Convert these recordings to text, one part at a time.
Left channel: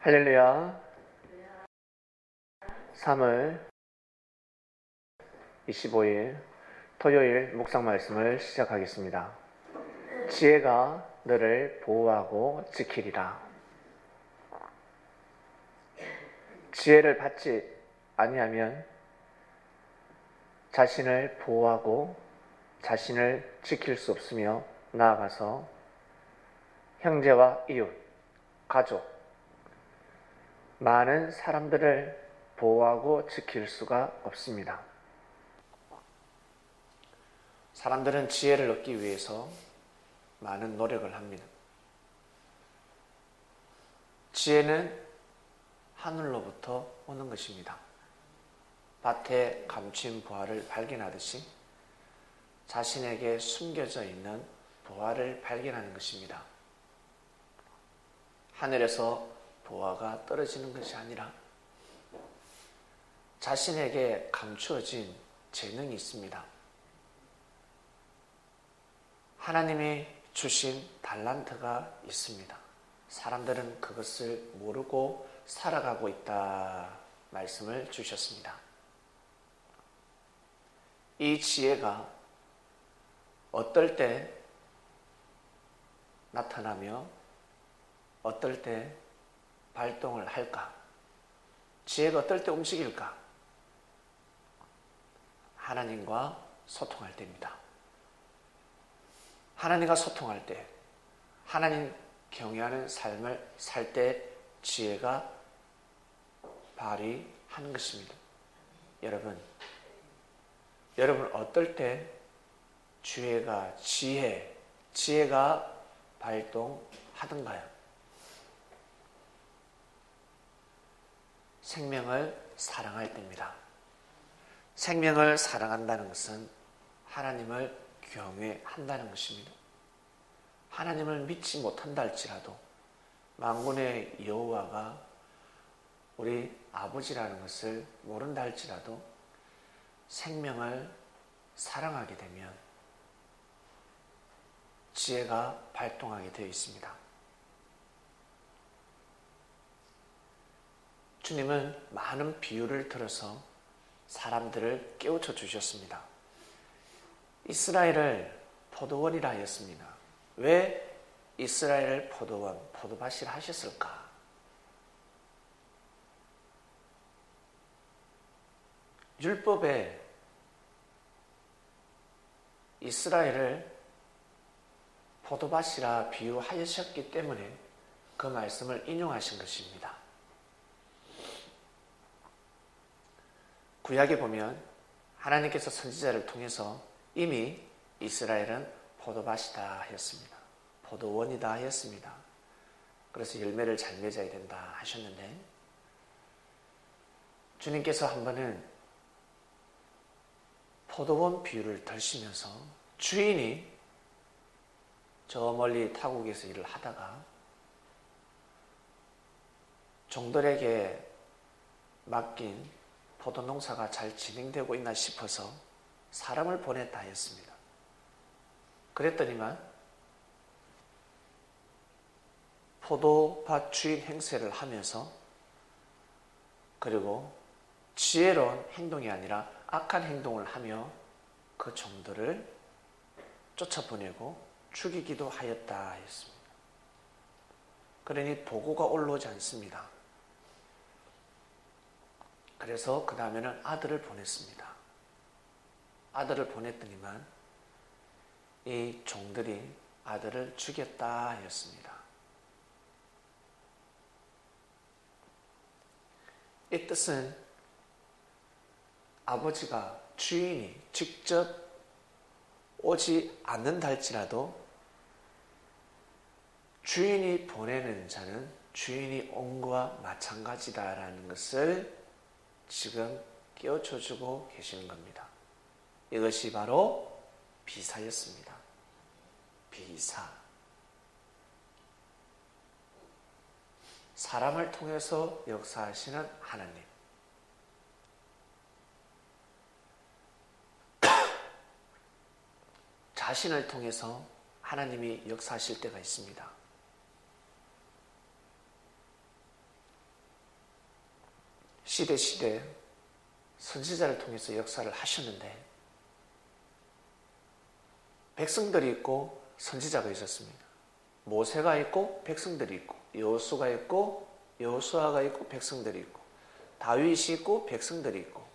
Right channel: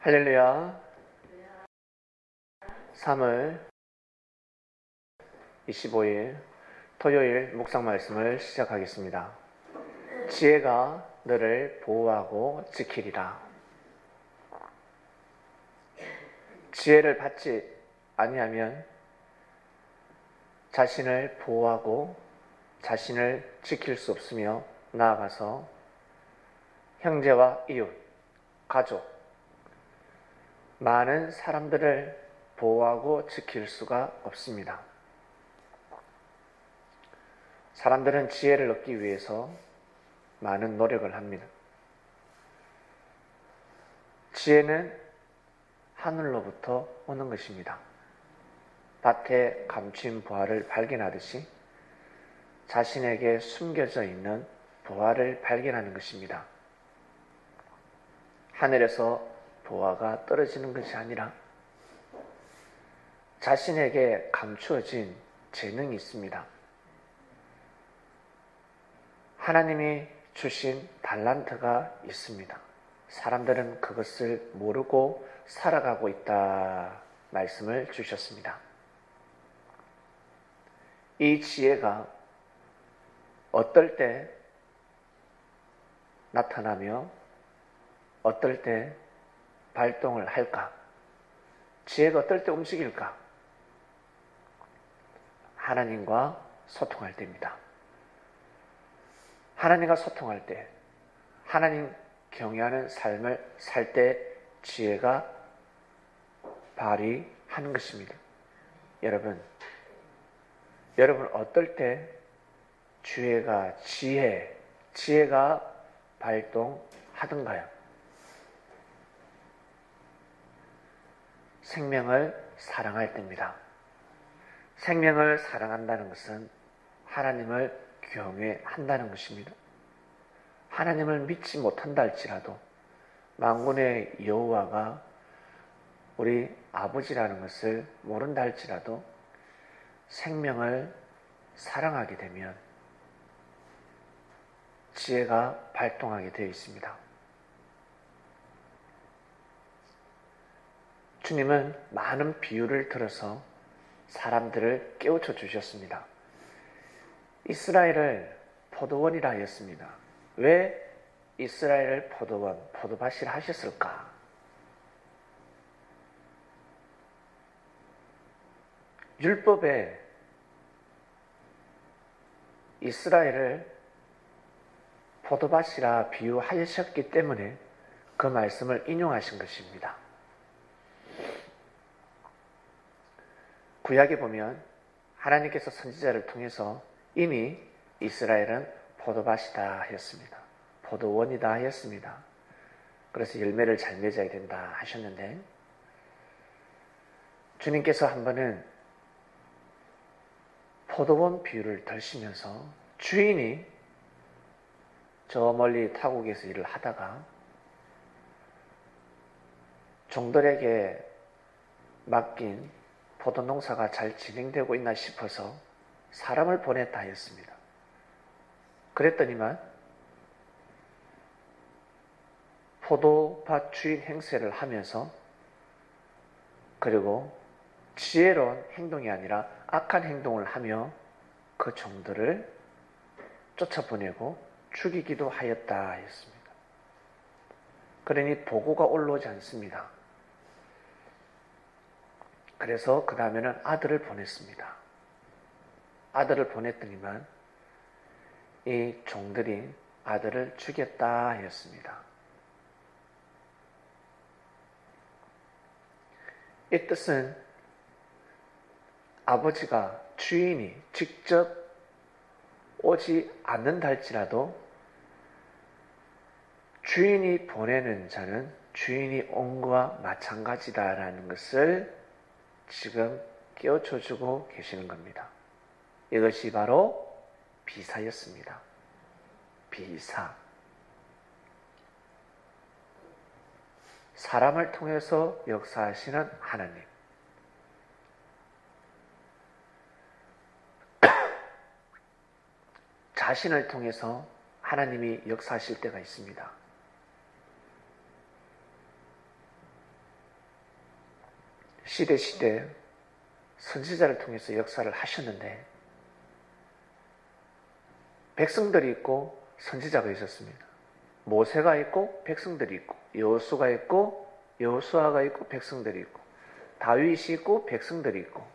할렐루야. 3월 25일 토요일 묵상 말씀을 시작하겠습니다. 지혜가 너를 보호하고 지키리라. 지혜를 받지 아니하면 자신을 보호하고 자신을 지킬 수 없으며 나아가서 형제와 이웃, 가족, 많은 사람들을 보호하고 지킬 수가 없습니다. 사람들은 지혜를 얻기 위해서 많은 노력을 합니다. 지혜는 하늘로부터 오는 것입니다. 밭에 감춘 보화를 발견하듯이 자신에게 숨겨져 있는 보화를 발견하는 것입니다. 하늘에서 보화가 떨어지는 것이 아니라 자신에게 감추어진 재능이 있습니다. 하나님이 주신 달란트가 있습니다. 사람들은 그것을 모르고 살아가고 있다 말씀을 주셨습니다. 이 지혜가 어떨 때 나타나며 어떨 때 발동을 할까? 지혜가 어떨 때 움직일까? 하나님과 소통할 때입니다. 하나님과 소통할 때, 하나님 경외하는 삶을 살 때 지혜가 발휘하는 것입니다. 여러분 어떨 때 지혜가 발동하던가요? 생명을 사랑할 때입니다. 생명을 사랑한다는 것은 하나님을 경외한다는 것입니다. 하나님을 믿지 못한다 할지라도 만군의 여호와가 우리 아버지라는 것을 모른다 할지라도 생명을 사랑하게 되면 지혜가 발동하게 되어 있습니다. 주님은 많은 비유를 들어서 사람들을 깨우쳐 주셨습니다. 이스라엘을 포도원이라 하였습니다. 왜 이스라엘을 포도밭이라 하셨을까? 율법에 이스라엘을 포도밭이라 비유하셨기 때문에 그 말씀을 인용하신 것입니다. 구약에 보면 하나님께서 선지자를 통해서 이미 이스라엘은 포도밭이다 하였습니다. 포도원이다 하였습니다. 그래서 열매를 잘 맺어야 된다 하셨는데 주님께서 한 번은 포도원 비유를 들으시면서 주인이 저 멀리 타국에서 일을 하다가 종들에게 맡긴 포도 농사가 잘 진행되고 있나 싶어서 사람을 보냈다 하였습니다. 그랬더니만 포도밭 주인 행세를 하면서 그리고 지혜로운 행동이 아니라 악한 행동을 하며 그 종들을 쫓아보내고 죽이기도 하였다 하였습니다. 그러니 보고가 올라오지 않습니다. 그래서 그 다음에는 아들을 보냈습니다. 아들을 보냈더니만 이 종들이 아들을 죽였다 하였습니다. 이 뜻은 아버지가 주인이 직접 오지 않는다 할지라도 주인이 보내는 자는 주인이 온 것과 마찬가지다라는 것을 지금 깨우쳐주고 계시는 겁니다. 이것이 바로 비사였습니다. 비사. 사람을 통해서 역사하시는 하나님. 자신을 통해서 하나님이 역사하실 때가 있습니다. 시대 선지자를 통해서 역사를 하셨는데 백성들이 있고 선지자가 있었습니다. 모세가 있고 백성들이 있고 여호수아가 있고 여호수아가 있고 백성들이 있고 다윗이 있고 백성들이 있고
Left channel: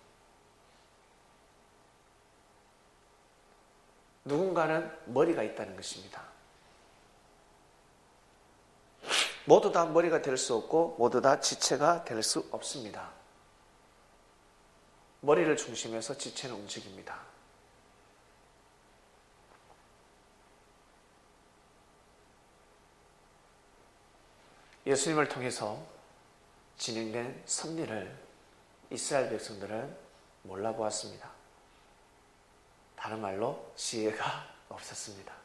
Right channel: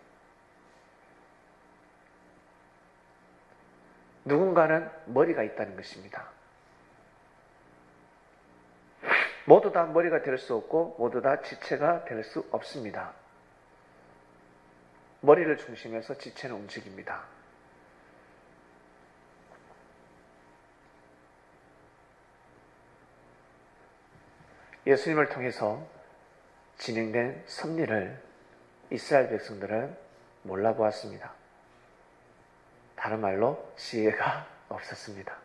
누군가는 머리가 있다는 것입니다. 모두 다 머리가 될 수 없고 모두 다 지체가 될 수 없습니다. 머리를 중심해서 지체는 움직입니다. 예수님을 통해서 진행된 섭리를 이스라엘 백성들은 몰라보았습니다. 다른 말로 지혜가 없었습니다.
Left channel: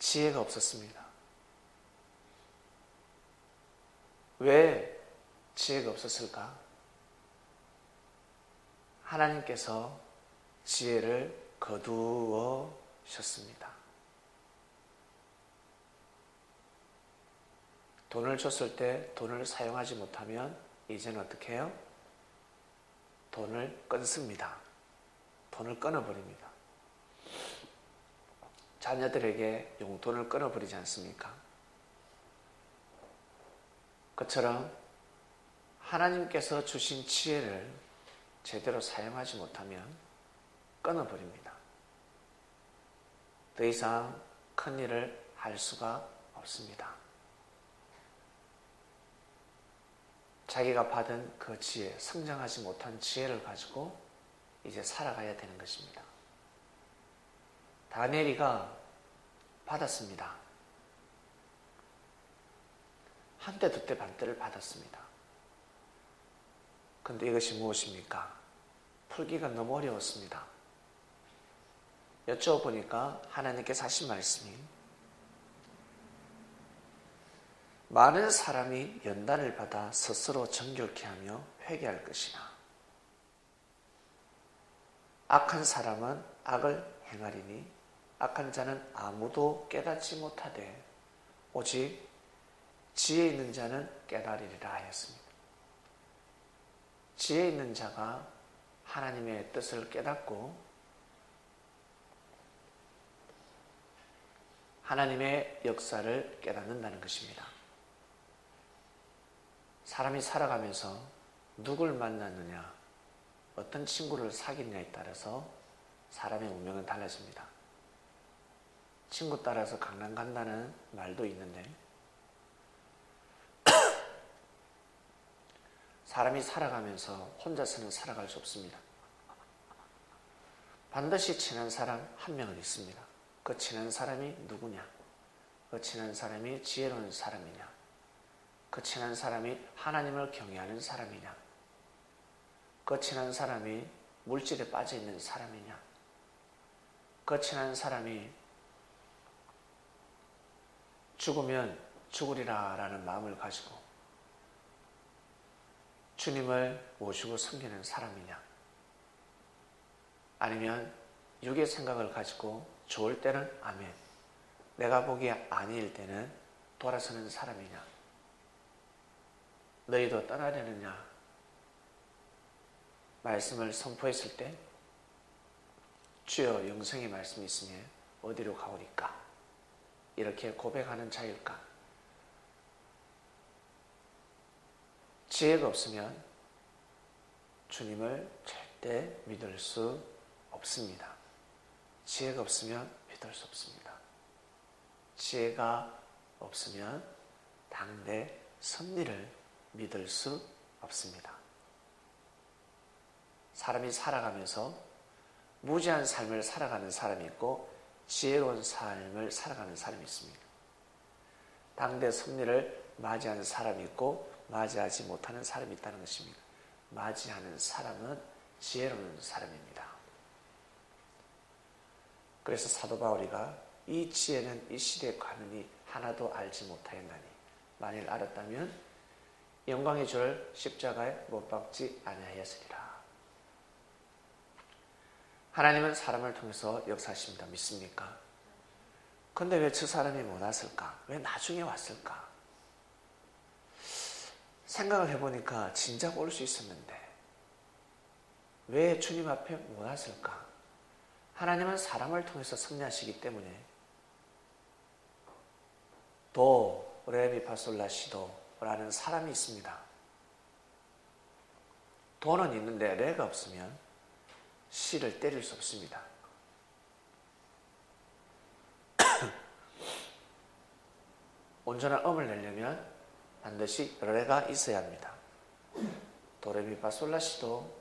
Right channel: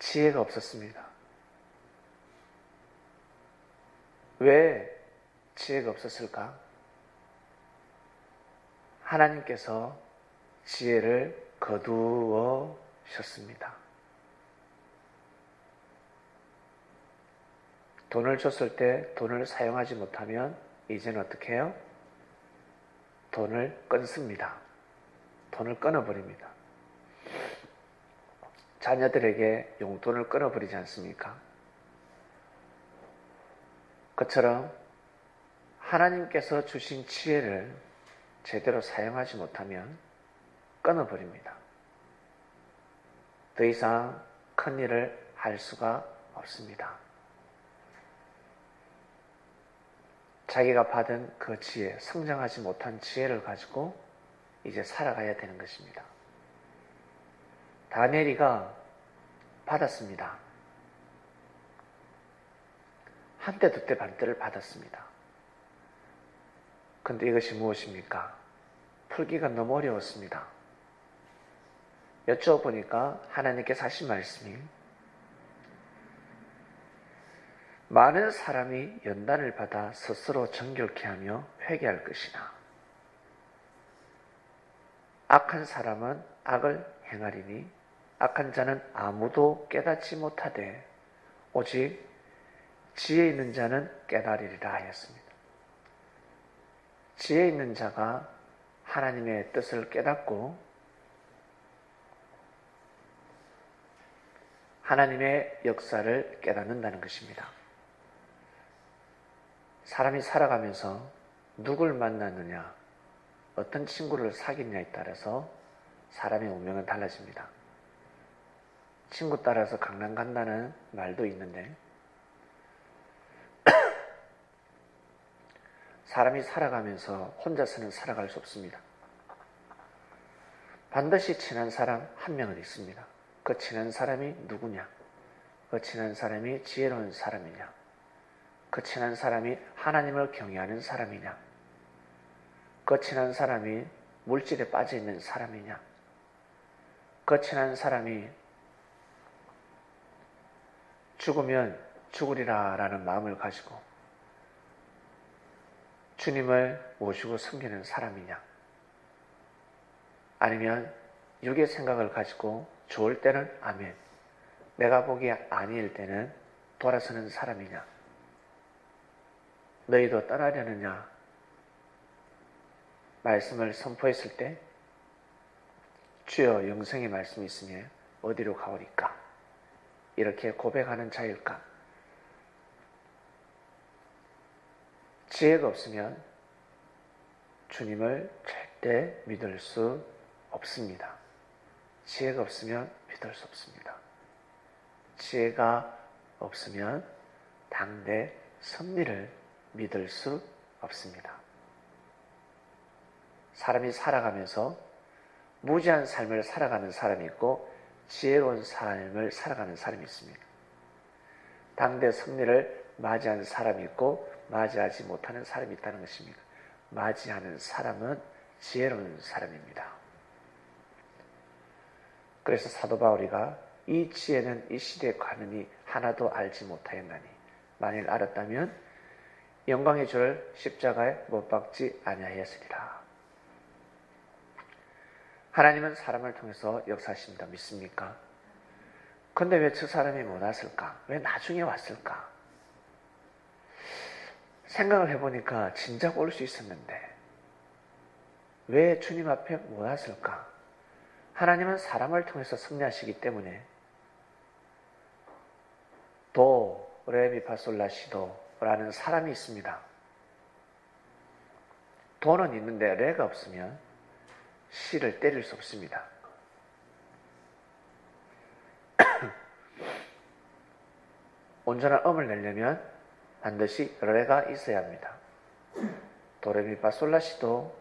지혜가 없었습니다. 왜 지혜가 없었을까? 하나님께서 지혜를 거두어셨습니다. 돈을 줬을 때 돈을 사용하지 못하면 이제는 어떻게 해요? 돈을 끊습니다. 돈을 끊어버립니다. 자녀들에게 용돈을 끊어버리지 않습니까? 그처럼 하나님께서 주신 지혜를 제대로 사용하지 못하면 끊어버립니다. 더 이상 큰 일을 할 수가 없습니다. 자기가 받은 그 지혜, 성장하지 못한 지혜를 가지고 이제 살아가야 되는 것입니다. 다니엘이가 받았습니다. 한때 두때 반때를 받았습니다. 그런데 이것이 무엇입니까? 풀기가 너무 어려웠습니다. 여쭤보니까 하나님께서 하신 말씀이 많은 사람이 연단을 받아 스스로 정결케 하며 회개할 것이나 악한 사람은 악을 행하리니 악한 자는 아무도 깨닫지 못하되 오직 지혜 있는 자는 깨달으리라 하였습니다. 지혜 있는 자가 하나님의 뜻을 깨닫고 하나님의 역사를 깨닫는다는 것입니다. 사람이 살아가면서 누굴 만났느냐, 어떤 친구를 사귀느냐에 따라서 사람의 운명은 달라집니다. 친구 따라서 강남 간다는 말도 있는데 사람이 살아가면서 혼자서는 살아갈 수 없습니다. 반드시 친한 사람 한 명은 있습니다. 그 친한 사람이 누구냐? 그 친한 사람이 지혜로운 사람이냐? 그 친한 사람이 하나님을 경외하는 사람이냐? 그 친한 사람이 물질에 빠져있는 사람이냐? 그 친한 사람이 죽으면 죽으리라 라는 마음을 가지고 주님을 모시고 섬기는 사람이냐? 아니면 육의 생각을 가지고 좋을 때는 아멘, 내가 보기에 아니일 때는 돌아서는 사람이냐? 너희도 떠나려느냐? 말씀을 선포했을 때 주여 영생의 말씀이 있으니 어디로 가오리까? 이렇게 고백하는 자일까? 지혜가 없으면 주님을 절대 믿을 수 없습니다. 지혜가 없으면 믿을 수 없습니다. 지혜가 없으면 당대 섭리를 믿을 수 없습니다. 사람이 살아가면서 무지한 삶을 살아가는 사람이 있고 지혜로운 삶을 살아가는 사람이 있습니다. 당대 섭리를 맞이하는 사람이 있고 맞이하지 못하는 사람이 있다는 것입니다. 맞이하는 사람은 지혜로운 사람입니다. 그래서 사도 바울이가 이 지혜는 이 시대에 관하니 하나도 알지 못하였나니 만일 알았다면 영광의 주를 십자가에 못 박지 아니하였으리라. 하나님은 사람을 통해서 역사하십니다. 믿습니까? 근데 왜 저 사람이 못 왔을까? 왜 나중에 왔을까? 생각을 해보니까 진작 올 수 있었는데 왜 주님 앞에 못 왔을까? 하나님은 사람을 통해서 섭리하시기 때문에 도 레미파솔라시도라는 사람이 있습니다. 도는 있는데 레가 없으면 시를 때릴 수 없습니다. 온전한 음을 내려면 반드시 레가 있어야 합니다. 도레미파솔라시도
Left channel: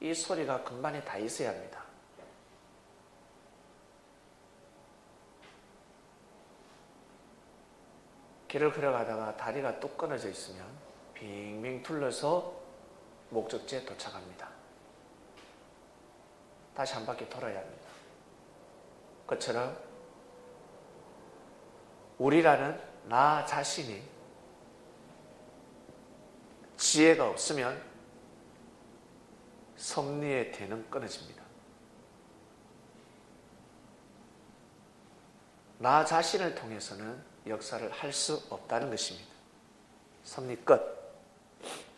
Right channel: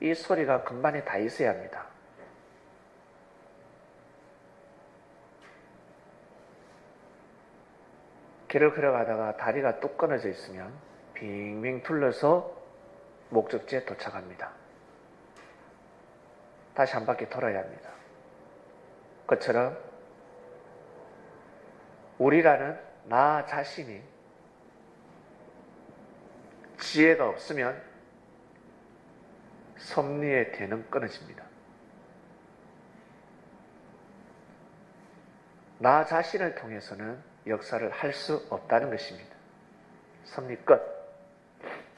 이 소리가 금반에 다 있어야 합니다. 길을 걸어가다가 다리가 뚝 끊어져 있으면 빙빙 둘러서 목적지에 도착합니다. 다시 한 바퀴 돌아야 합니다. 그처럼 우리라는 나 자신이 지혜가 없으면 섭리의 대는 끊어집니다. 나 자신을 통해서는 역사를 할 수 없다는 것입니다. 섭리 끝.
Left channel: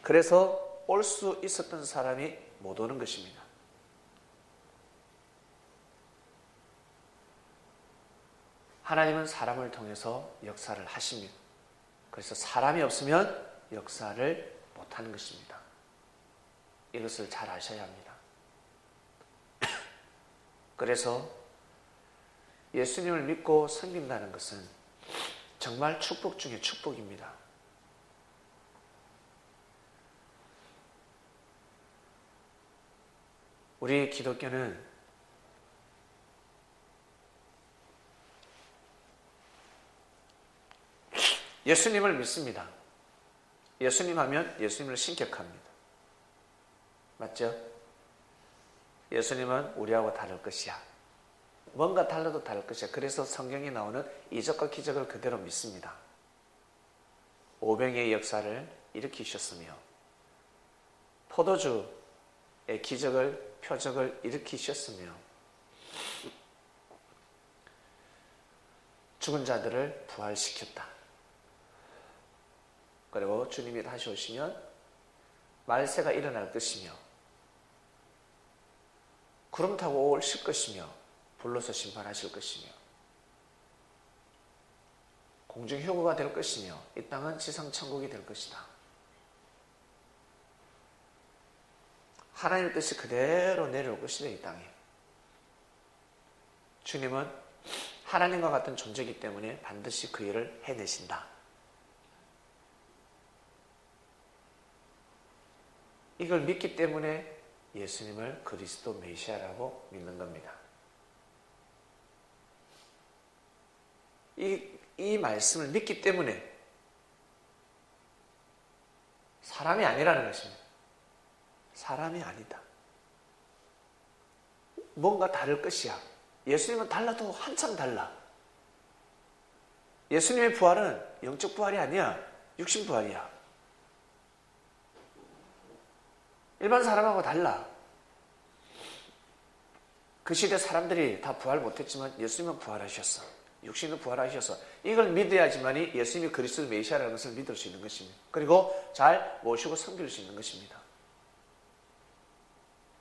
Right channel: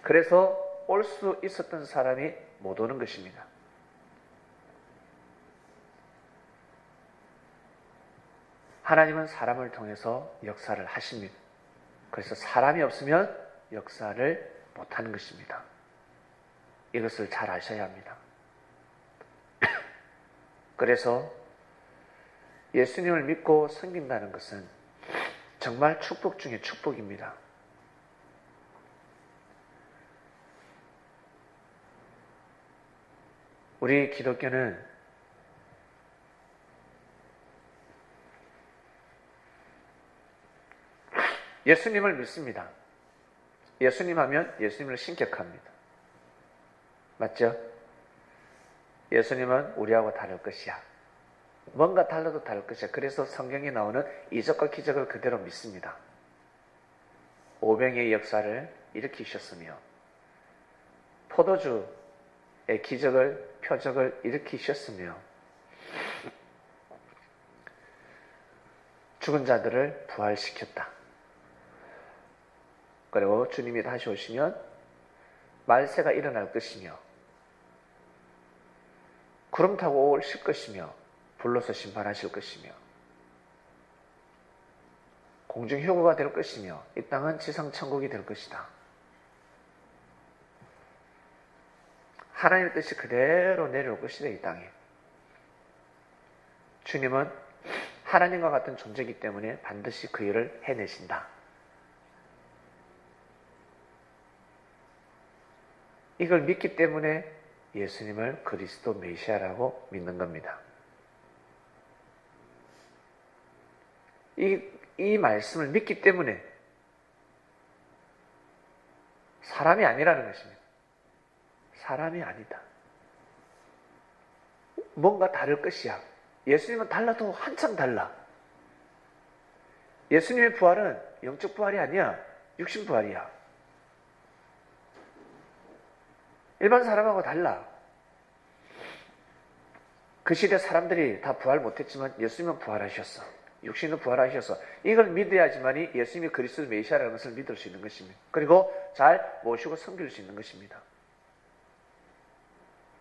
그래서 올 수 있었던 사람이 못 오는 것입니다. 하나님은 사람을 통해서 역사를 하십니다. 그래서 사람이 없으면 역사를 못하는 것입니다. 이것을 잘 아셔야 합니다. 그래서 예수님을 믿고 섬긴다는 것은 정말 축복 중에 축복입니다. 우리 기독교는 예수님을 믿습니다. 예수님 하면 예수님을 신격합니다. 맞죠? 예수님은 우리하고 다를 것이야. 뭔가 달라도 다를 것이야. 그래서 성경에 나오는 이적과 기적을 그대로 믿습니다. 오병이의 역사를 일으키셨으며 포도주의 기적을 표적을 일으키셨으며 죽은 자들을 부활시켰다. 그리고 주님이 다시 오시면 말세가 일어날 것이며 구름 타고 오실 것이며 불로서 심판하실 것이며 공중효구가 될 것이며 이 땅은 지상천국이 될 것이다. 하나님의 뜻이 그대로 내려올 것이다. 이 땅에. 주님은 하나님과 같은 존재이기 때문에 반드시 그 일을 해내신다. 이걸 믿기 때문에 예수님을 그리스도 메시아라고 믿는 겁니다. 이 말씀을 믿기 때문에 사람이 아니라는 것입니다. 사람이 아니다. 뭔가 다를 것이야. 예수님은 달라도 한참 달라. 예수님의 부활은 영적 부활이 아니야. 육신 부활이야. 일반 사람하고 달라. 그 시대 사람들이 다 부활 못했지만 예수님은 부활하셨어. 육신은 부활하셔서 이걸 믿어야지만이 예수님이 그리스도 메시아라는 것을 믿을 수 있는 것입니다. 그리고 잘 모시고 섬길 수 있는 것입니다.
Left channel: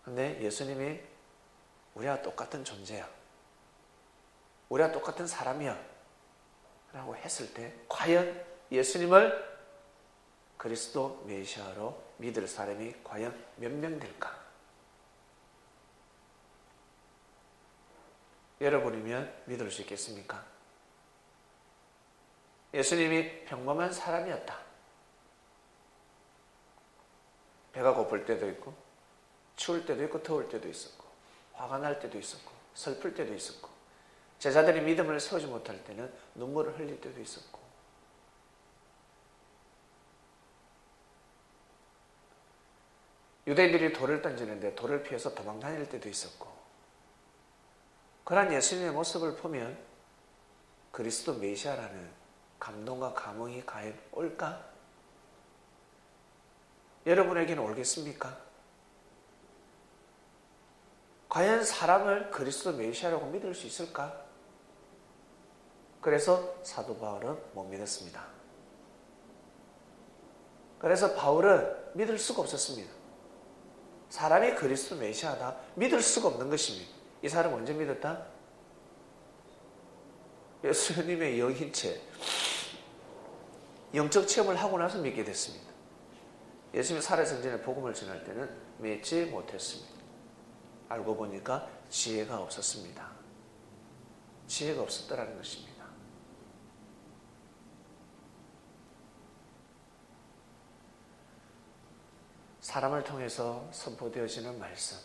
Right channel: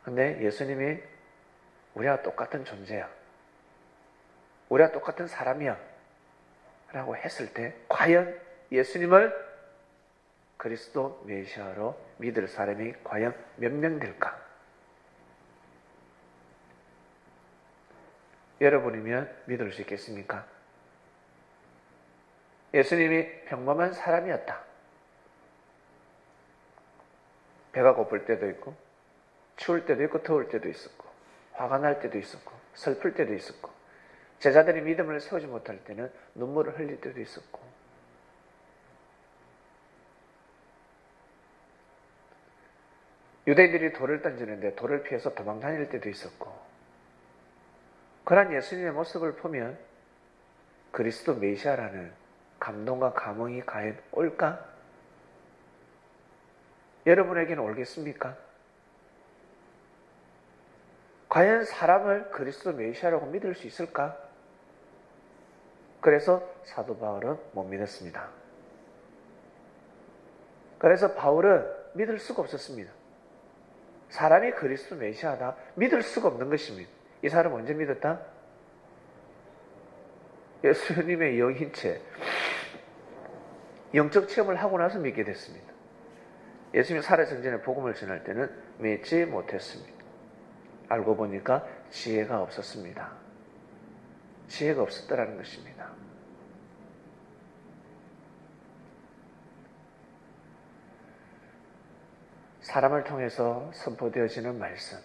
근데 예수님이 우리와 똑같은 존재야. 우리와 똑같은 사람이야. 라고 했을 때 과연 예수님을 그리스도 메시아로 믿을 사람이 과연 몇 명 될까? 여러분이면 믿을 수 있겠습니까? 예수님이 평범한 사람이었다. 배가 고플 때도 있고 추울 때도 있고 더울 때도 있었고 화가 날 때도 있었고 슬플 때도 있었고 제자들이 믿음을 세우지 못할 때는 눈물을 흘릴 때도 있었고 유대인들이 돌을 던지는데 돌을 피해서 도망 다닐 때도 있었고 그런 예수님의 모습을 보면 그리스도 메시아라는 감동과 감흥이 과연 올까? 여러분에게는 올겠습니까? 과연 사람을 그리스도 메시아라고 믿을 수 있을까? 그래서 사도 바울은 못 믿었습니다. 그래서 바울은 믿을 수가 없었습니다. 사람이 그리스도 메시아다 믿을 수가 없는 것입니다. 이 사람 언제 믿었다? 예수님의 영인 채 영적 체험을 하고 나서 믿게 됐습니다. 예수님이 살아생 전에 복음을 전할 때는 믿지 못했습니다. 알고 보니까 지혜가 없었습니다. 지혜가 없었다라는 것입니다. 사람을 통해서 선포되어지는 말씀,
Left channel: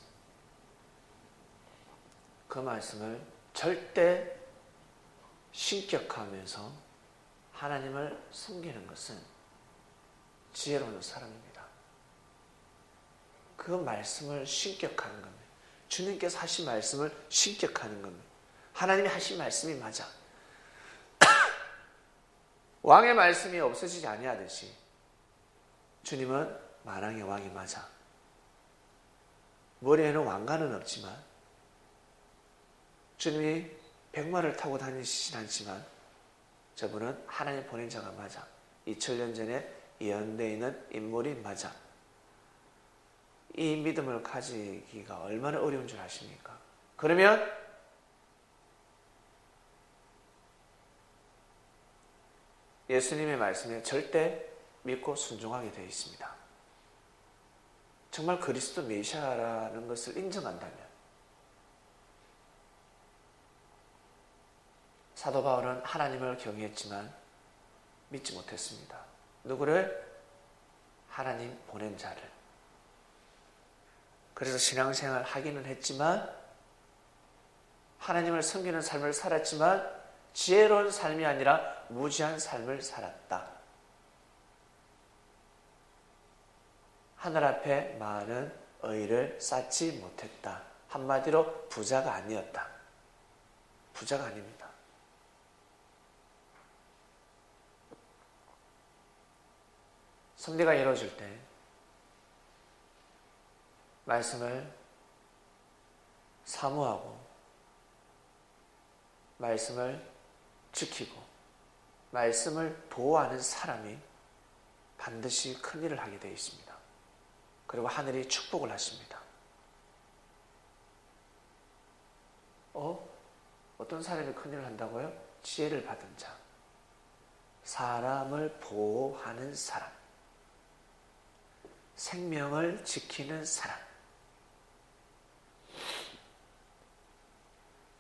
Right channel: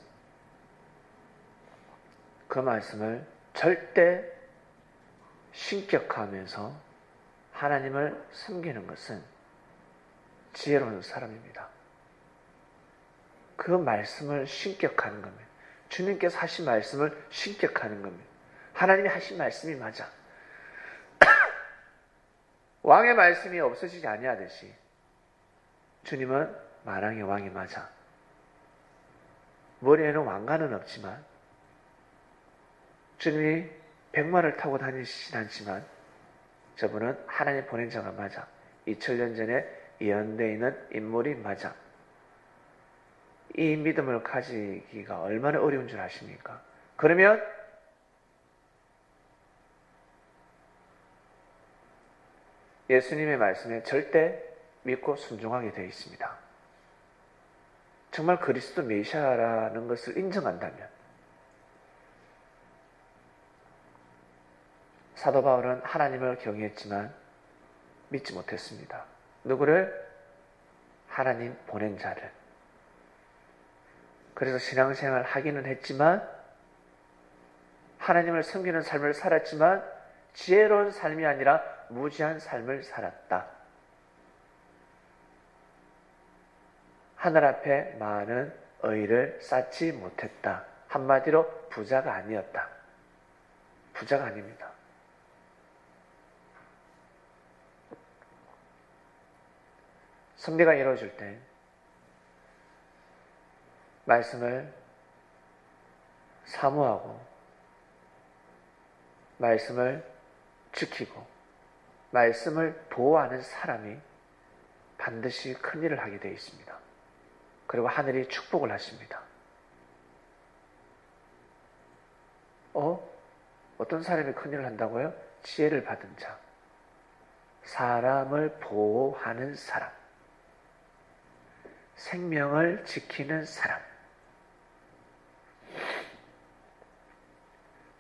그 말씀을 절대 신격화하면서 하나님을 섬기는 것은 지혜로운 사람입니다. 그 말씀을 신격화하는 겁니다. 주님께서 하신 말씀을 신격화하는 겁니다. 하나님이 하신 말씀이 맞아. 왕의 말씀이 없어지지 아니하듯이 주님은 만왕의 왕이 맞아. 머리에는 왕관은 없지만 주님이 백마를 타고 다니시진 않지만 저분은 하나님 보낸 자가 맞아. 2000년 전에 예언되어 있는 인물이 맞아. 이 믿음을 가지기가 얼마나 어려운 줄 아십니까? 그러면 예수님의 말씀에 절대 믿고 순종하게 되어 있습니다. 정말 그리스도 메시아라는 것을 인정한다면 사도 바울은 하나님을 경외했지만 믿지 못했습니다. 누구를? 하나님 보낸 자를. 그래서 신앙생활 하기는 했지만 하나님을 섬기는 삶을 살았지만 지혜로운 삶이 아니라 무지한 삶을 살았다. 하늘 앞에 많은 의를 쌓지 못했다. 한마디로 부자가 아니었다. 부자가 아닙니다. 섭리가 이루어질 때 말씀을 사모하고 말씀을 지키고 말씀을 보호하는 사람이 반드시 큰일을 하게 되어 있습니다. 그리고 하늘이 축복을 하십니다. 어떤 사람이 큰일을 한다고요? 지혜를 받은 자. 사람을 보호하는 사람. 생명을 지키는 사람.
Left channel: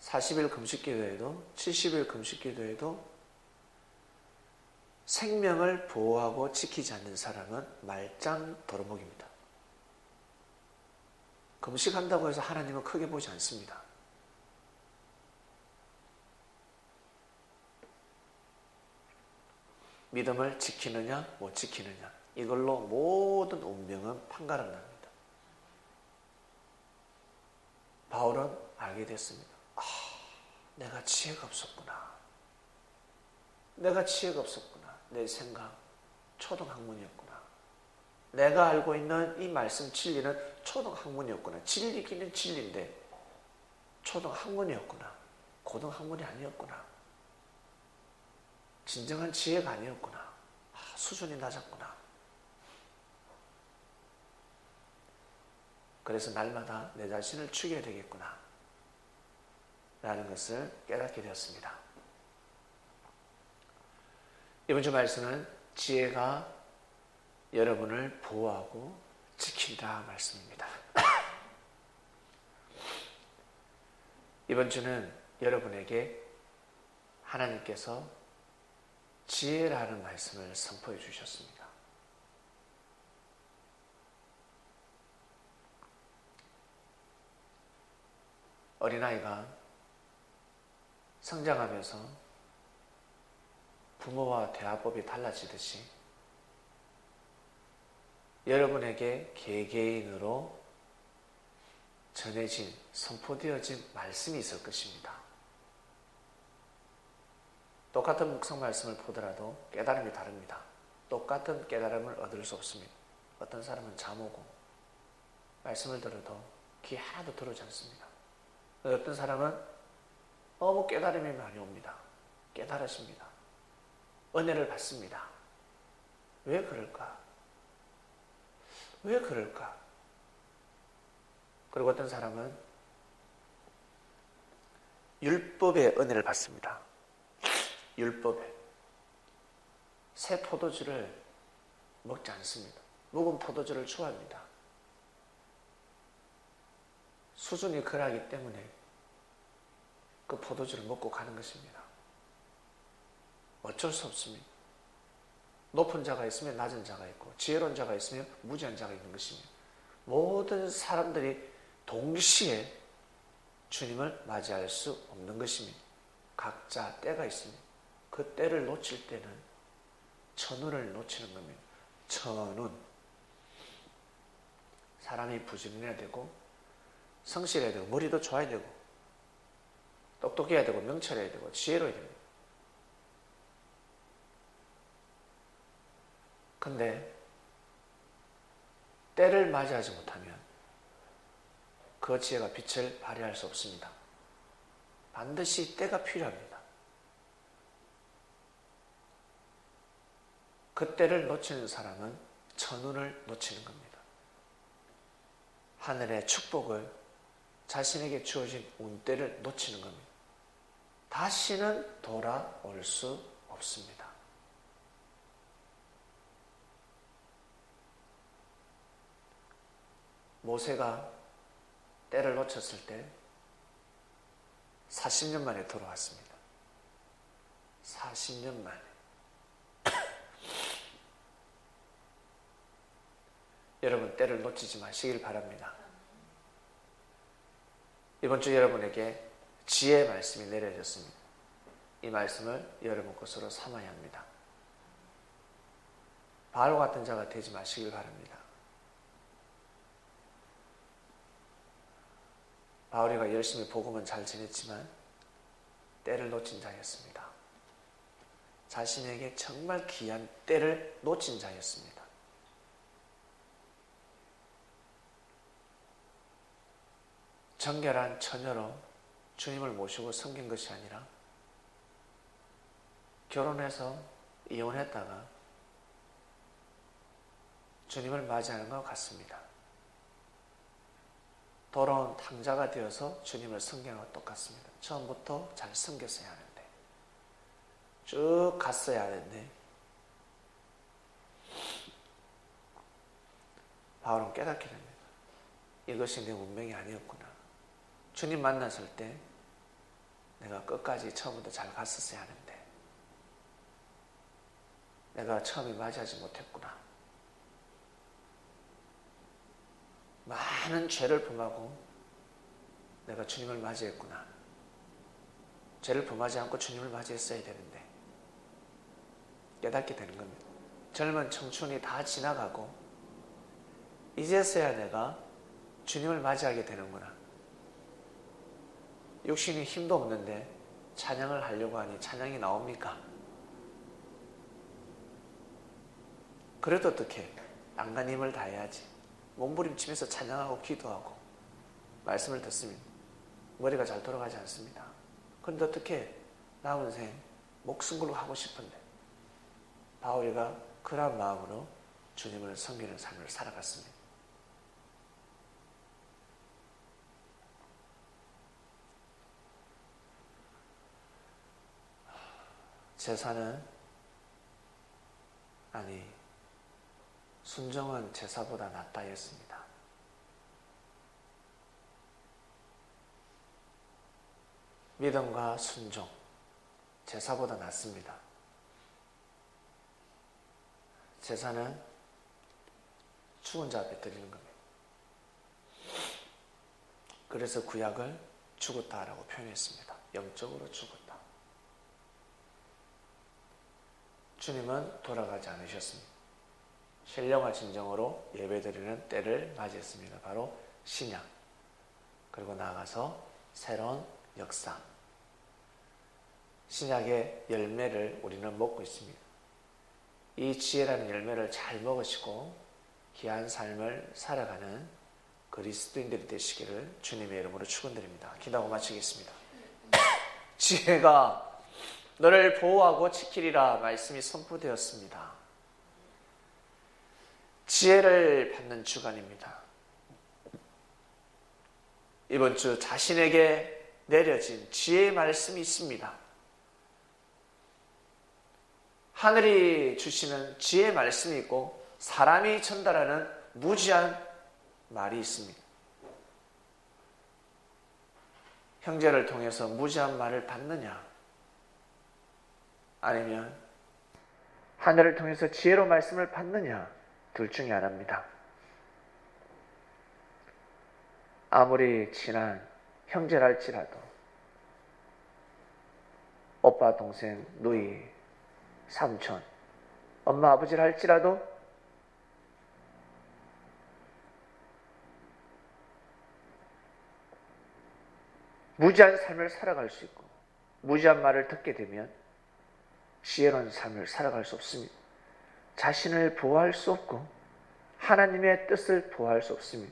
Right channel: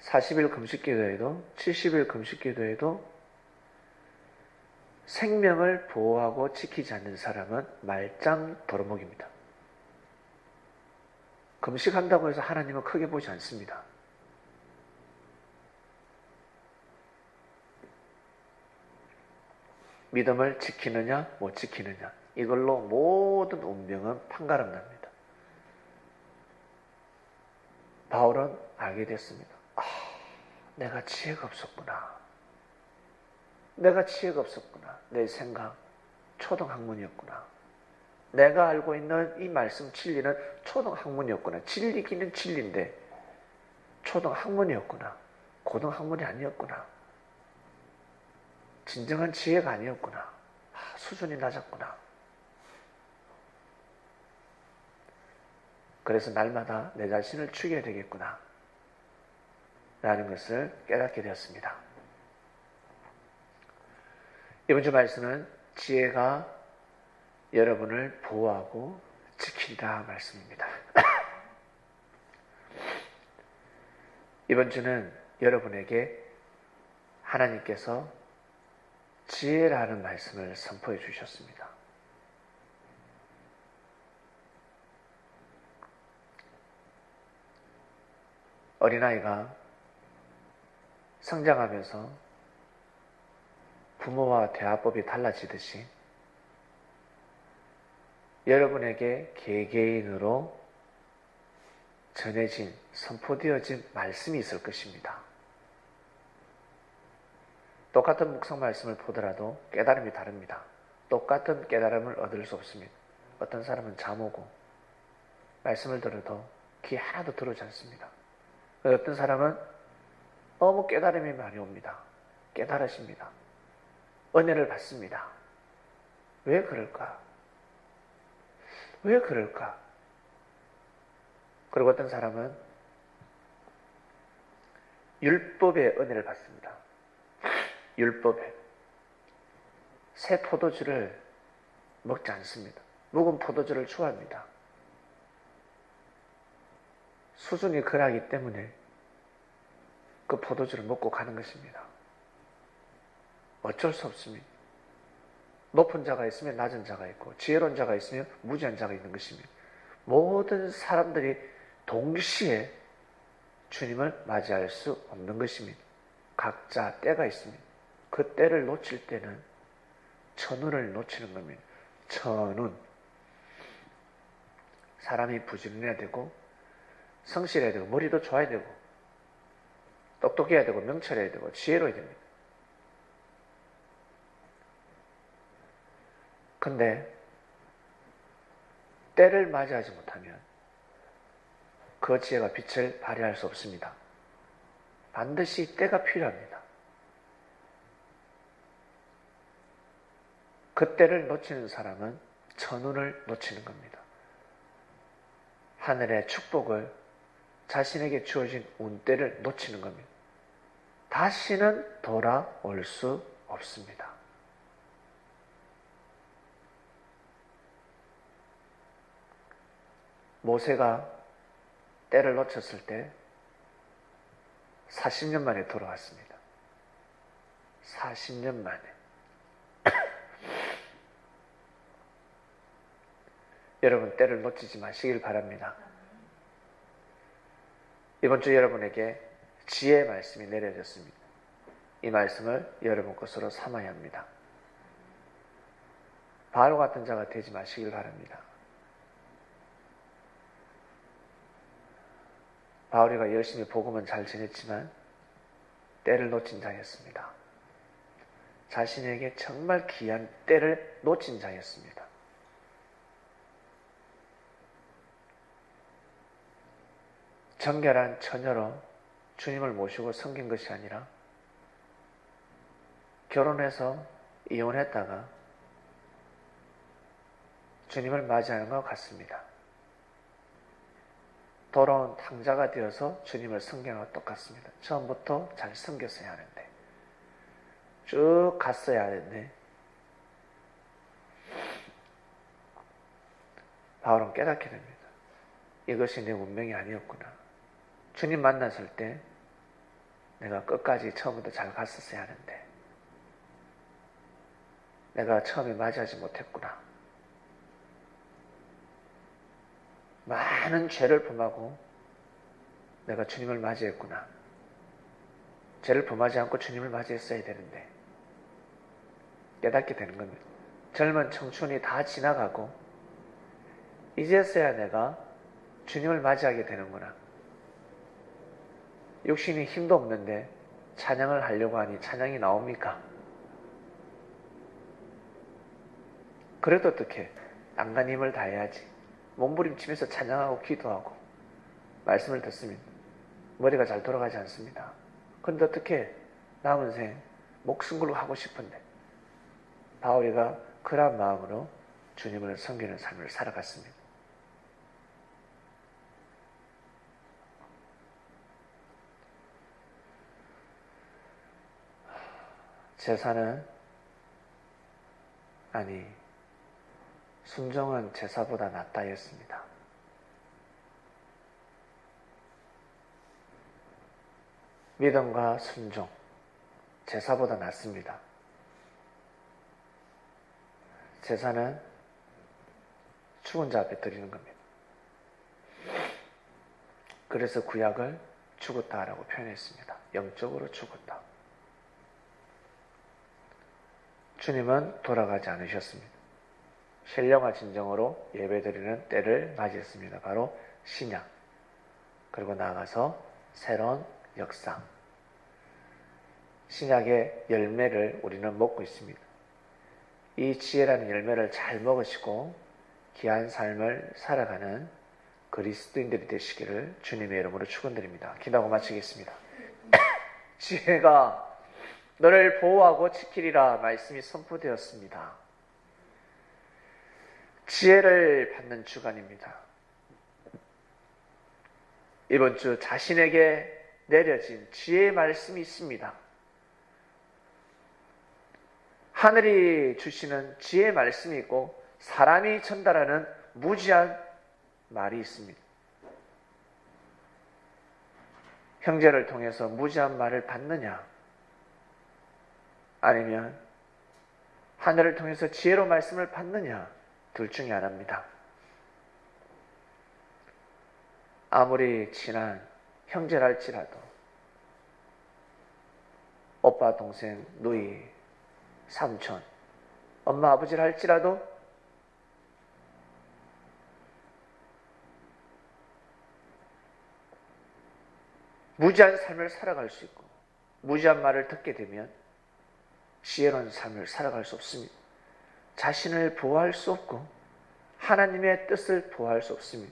40일 금식기도에도 70일 금식기도에도 생명을 보호하고 지키지 않는 사람은 말짱 도루묵입니다. 금식한다고 해서 하나님은 크게 보지 않습니다. 믿음을 지키느냐 못 지키느냐 이걸로 모든 운명은 판가름납니다. 바울은 알게 됐습니다. 내가 지혜가 없었구나. 내가 지혜가 없었구나. 내 생각 초등학문이었구나. 내가 알고 있는 이 말씀 진리는 초등학문이었구나. 진리기는 진리인데 초등학문이었구나. 고등학문이 아니었구나. 진정한 지혜가 아니었구나. 수준이 낮았구나. 그래서 날마다 내 자신을 죽여야 되겠구나 라는 것을 깨닫게 되었습니다. 이번 주 말씀은 지혜가 여러분을 보호하고 지킨다 말씀입니다. 이번 주는 여러분에게 하나님께서 지혜라는 말씀을 선포해 주셨습니다. 어린아이가 성장하면서 부모와 대화법이 달라지듯이 여러분에게 개개인으로 전해진, 선포되어진 말씀이 있을 것입니다. 똑같은 묵상 말씀을 보더라도 깨달음이 다릅니다. 똑같은 깨달음을 얻을 수 없습니다. 어떤 사람은 잠 오고 말씀을 들어도 귀 하나도 들어오지 않습니다. 어떤 사람은 너무 깨달음이 많이 옵니다. 깨달으십니다. 은혜를 받습니다. 왜 그럴까? 왜 그럴까? 그리고 어떤 사람은 율법의 은혜를 받습니다. 율법에. 새 포도주를 먹지 않습니다. 묵은 포도주를 좋아합니다. 수준이 그러하기 때문에 그 포도주를 먹고 가는 것입니다. 어쩔 수 없습니다. 높은 자가 있으면 낮은 자가 있고 지혜로운 자가 있으면 무지한 자가 있는 것입니다. 모든 사람들이 동시에 주님을 맞이할 수 없는 것입니다. 각자 때가 있습니다. 그 때를 놓칠 때는 천운을 놓치는 겁니다. 천운. 사람이 부지런해야 되고 성실해야 되고 머리도 좋아야 되고 똑똑해야 되고 명철해야 되고 지혜로워야 됩니다. 근데 때를 맞이하지 못하면 그 지혜가 빛을 발휘할 수 없습니다. 반드시 때가 필요합니다. 그 때를 놓치는 사람은 천운을 놓치는 겁니다. 하늘의 축복을 자신에게 주어진 운때를 놓치는 겁니다. 다시는 돌아올 수 없습니다. 모세가 때를 놓쳤을 때 40년 만에 돌아왔습니다. 40년 만에. 여러분 때를 놓치지 마시길 바랍니다. 이번 주 여러분에게 지혜의 말씀이 내려졌습니다. 이 말씀을 여러분 것으로 삼아야 합니다. 바알 같은 자가 되지 마시길 바랍니다. 바울이가 열심히 복음은 잘 전했지만 때를 놓친 자였습니다. 자신에게 정말 귀한 때를 놓친 자였습니다. 정결한 처녀로 주님을 모시고 섬긴 것이 아니라 결혼해서 이혼했다가 주님을 맞이하는 것 같습니다. 돌아온 탕자가 되어서 주님을 섬기는 것 똑같습니다. 처음부터 잘 섬겼어야 하는데 쭉 갔어야 하는데 바울은 깨닫게 됩니다. 이것이 내 운명이 아니었구나. 주님 만났을 때 내가 끝까지 처음부터 잘 갔었어야 하는데 내가 처음에 맞이하지 못했구나. 많은 죄를 범하고 내가 주님을 맞이했구나. 죄를 범하지 않고 주님을 맞이했어야 되는데 깨닫게 되는 겁니다. 젊은 청춘이 다 지나가고 이제서야 내가 주님을 맞이하게 되는구나. 육신이 힘도 없는데 찬양을 하려고 하니 찬양이 나옵니까? 그래도 어떻게 안간 힘을 다해야지. 몸부림치면서 찬양하고 기도하고 말씀을 듣습니다. 머리가 잘 돌아가지 않습니다. 그런데 어떻게 남은 생 목숨 걸고 하고 싶은데 바울이가 그런 마음으로 주님을 섬기는 삶을 살아갔습니다. 제사는 아니 순종은 제사보다 낫다 했습니다. 믿음과 순종 제사보다 낫습니다. 제사는 죽은 자 앞에 드리는 겁니다. 그래서 구약을 죽었다라고 표현했습니다. 영적으로 죽었다. 주님은 돌아가지 않으셨습니다. 신령과 진정으로 예배드리는 때를 맞이했습니다. 바로 신약, 그리고 나아가서 새로운 역사. 신약의 열매를 우리는 먹고 있습니다. 이 지혜라는 열매를 잘 먹으시고 귀한 삶을 살아가는 그리스도인들이 되시기를 주님의 이름으로 축원드립니다. 기도하고 마치겠습니다. 지혜가 너를 보호하고 지키리라 말씀이 선포되었습니다. 지혜를 받는 주간입니다. 이번 주 자신에게 내려진 지혜의 말씀이 있습니다. 하늘이 주시는 지혜의 말씀이 있고 사람이 전달하는 무지한 말이 있습니다. 형제를 통해서 무지한 말을 받느냐, 아니면 하늘을 통해서 지혜로 말씀을 받느냐, 둘 중에 하나입니다. 아무리 친한 형제랄지라도, 오빠, 동생, 누이, 삼촌, 엄마, 아버지랄지라도 무지한 삶을 살아갈 수 있고, 무지한 말을 듣게 되면 지혜로운 삶을 살아갈 수 없습니다. 자신을 보호할 수 없고 하나님의 뜻을 보호할 수 없습니다.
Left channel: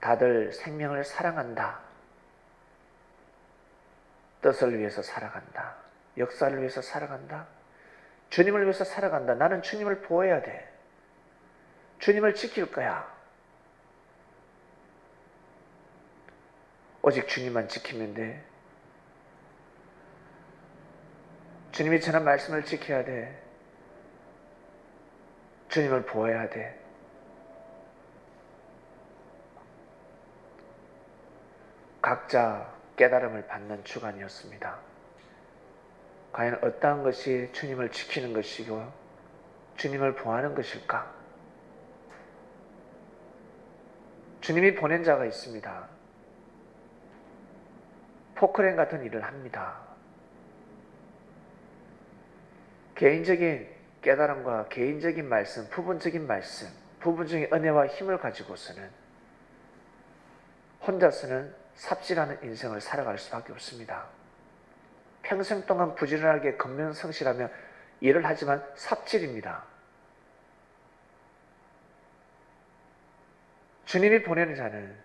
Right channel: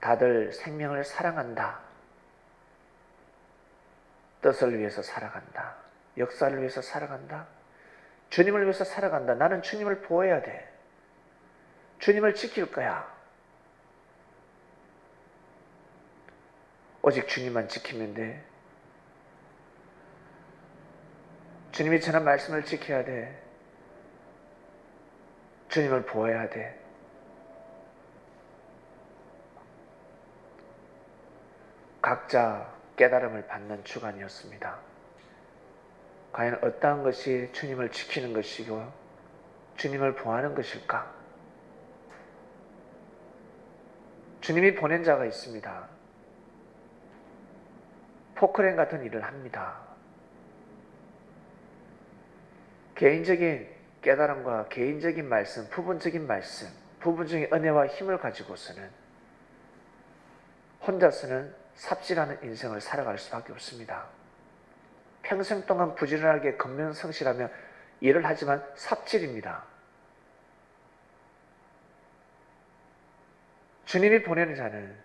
다들 생명을 사랑한다, 뜻을 위해서 살아간다, 역사를 위해서 살아간다, 주님을 위해서 살아간다. 나는 주님을 보호해야 돼, 주님을 지킬 거야. 오직 주님만 지키면 돼. 주님이 전한 말씀을 지켜야 돼. 주님을 보호해야 돼. 각자 깨달음을 받는 주간이었습니다. 과연 어떠한 것이 주님을 지키는 것이고 주님을 보호하는 것일까? 주님이 보낸 자가 있습니다. 포크레인 같은 일을 합니다. 개인적인 깨달음과 개인적인 말씀, 부분적인 말씀, 부분적인 은혜와 힘을 가지고서는 혼자서는 삽질하는 인생을 살아갈 수밖에 없습니다. 평생 동안 부지런하게 근면성실하며 일을 하지만 삽질입니다. 주님이 보내는 자는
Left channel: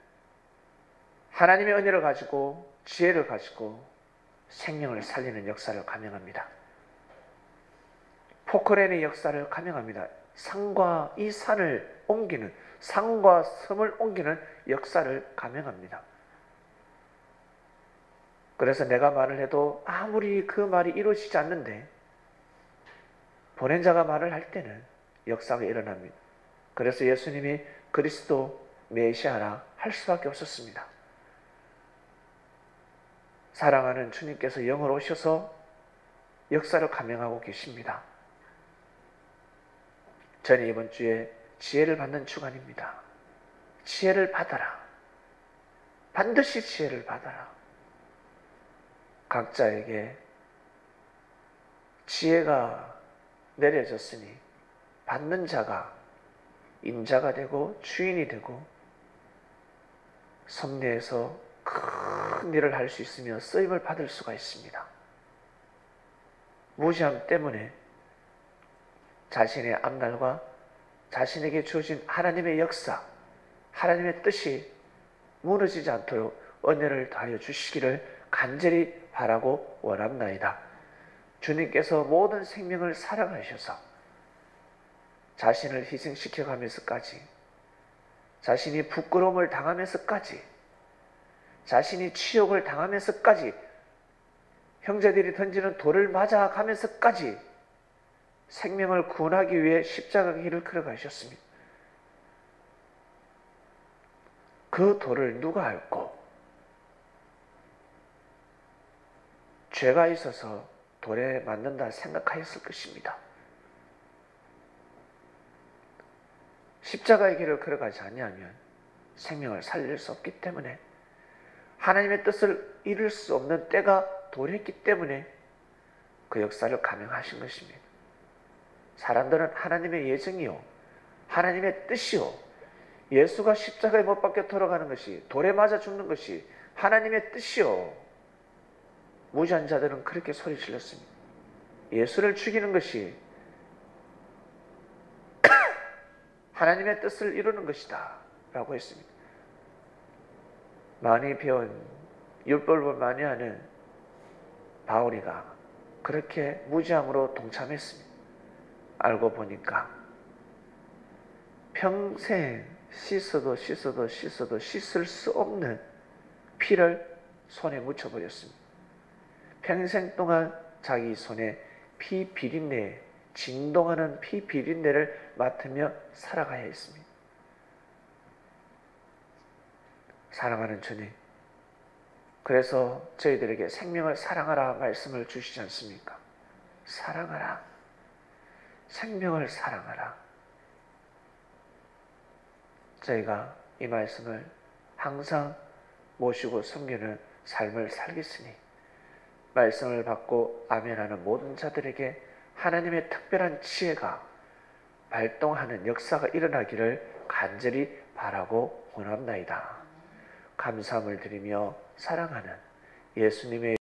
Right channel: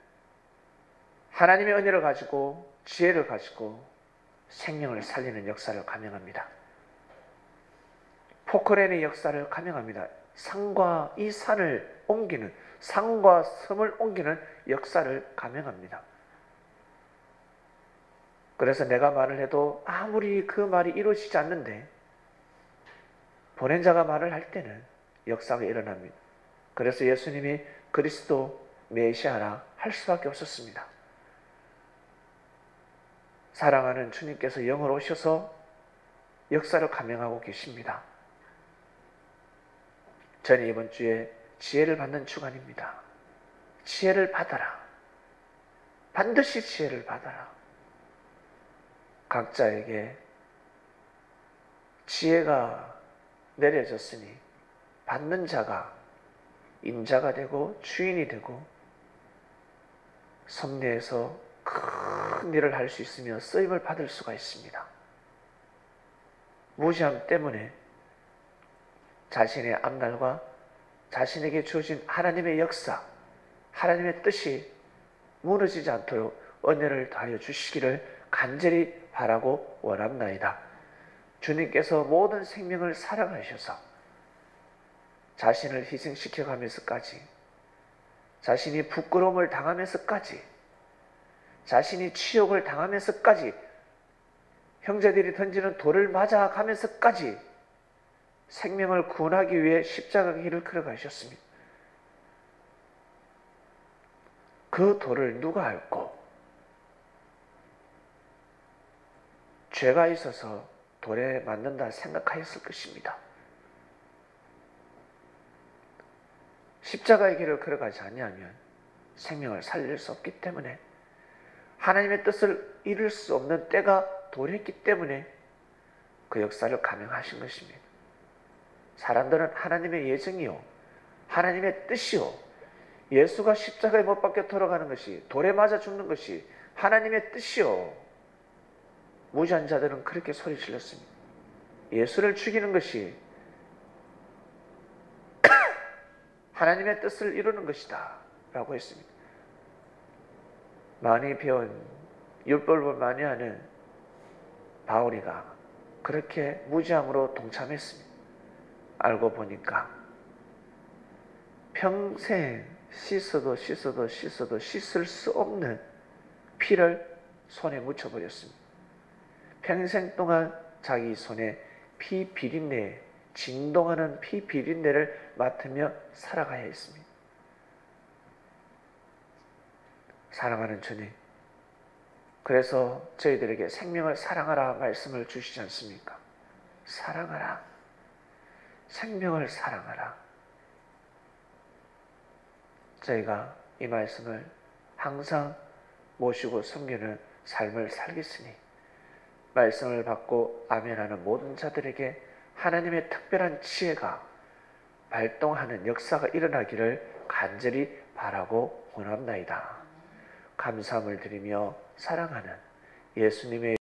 하나님의 은혜를 가지고 지혜를 가지고 생명을 살리는 역사를 감행합니다. 포크레인의 역사를 감행합니다. 산과 이 산을 옮기는, 산과 섬을 옮기는 역사를 감행합니다. 그래서 내가 말을 해도 아무리 그 말이 이루어지지 않는데 보낸 자가 말을 할 때는 역사가 일어납니다. 그래서 예수님이 그리스도 메시아라 할 수밖에 없었습니다. 사랑하는 주님께서 영으로 오셔서 역사를 감행하고 계십니다. 저는 이번 주에 지혜를 받는 주간입니다. 지혜를 받아라. 반드시 지혜를 받아라. 각자에게 지혜가 내려졌으니 받는 자가 임자가 되고 주인이 되고 섭내에서 큰 일을 할 수 있으며 쓰임을 받을 수가 있습니다. 무지함 때문에 자신의 앞날과 자신에게 주어진 하나님의 역사, 하나님의 뜻이 무너지지 않도록 은혜를 다하여 주시기를 간절히 바라고 원합나이다. 주님께서 모든 생명을 사랑하셔서 자신을 희생시켜 가면서까지, 자신이 부끄러움을 당하면서까지, 자신이 치욕을 당하면서까지, 형제들이 던지는 돌을 맞아 가면서까지 생명을 구원하기 위해 십자가 길을 걸어가셨습니다. 그 돌을 누가 앓고 죄가 있어서 돌에 맞는다 생각하였을 것입니다. 십자가의 길을 걸어가지 아니하면 생명을 살릴 수 없기 때문에, 하나님의 뜻을 이룰 수 없는 때가 도래했기 때문에 그 역사를 감행하신 것입니다. 사람들은 하나님의 예정이요, 하나님의 뜻이요, 예수가 십자가에 못 박혀 돌아가는 것이, 돌에 맞아 죽는 것이 하나님의 뜻이요. 무지한 자들은 그렇게 소리 질렀습니다. 예수를 죽이는 것이 하나님의 뜻을 이루는 것이다 라고 했습니다. 많이 배운, 율법을 많이 하는 바울이가 그렇게 무지함으로 동참했습니다. 알고 보니까 평생 씻어도 씻을 수 없는 피를 손에 묻혀버렸습니다. 평생 동안 자기 손에 피 비린내, 진동하는 피 비린내를 맡으며 살아가야 했습니다. 사랑하는 주님, 그래서 저희들에게 생명을 사랑하라 말씀을 주시지 않습니까? 사랑하라. 생명을 사랑하라. 저희가 이 말씀을 항상 모시고 섬기는 삶을 살겠으니 말씀을 받고 아멘하는 모든 자들에게 하나님의 특별한 지혜가 발동하는 역사가 일어나기를 간절히 바라고 원합나이다. 감사함을 드리며 사랑하는 예수님의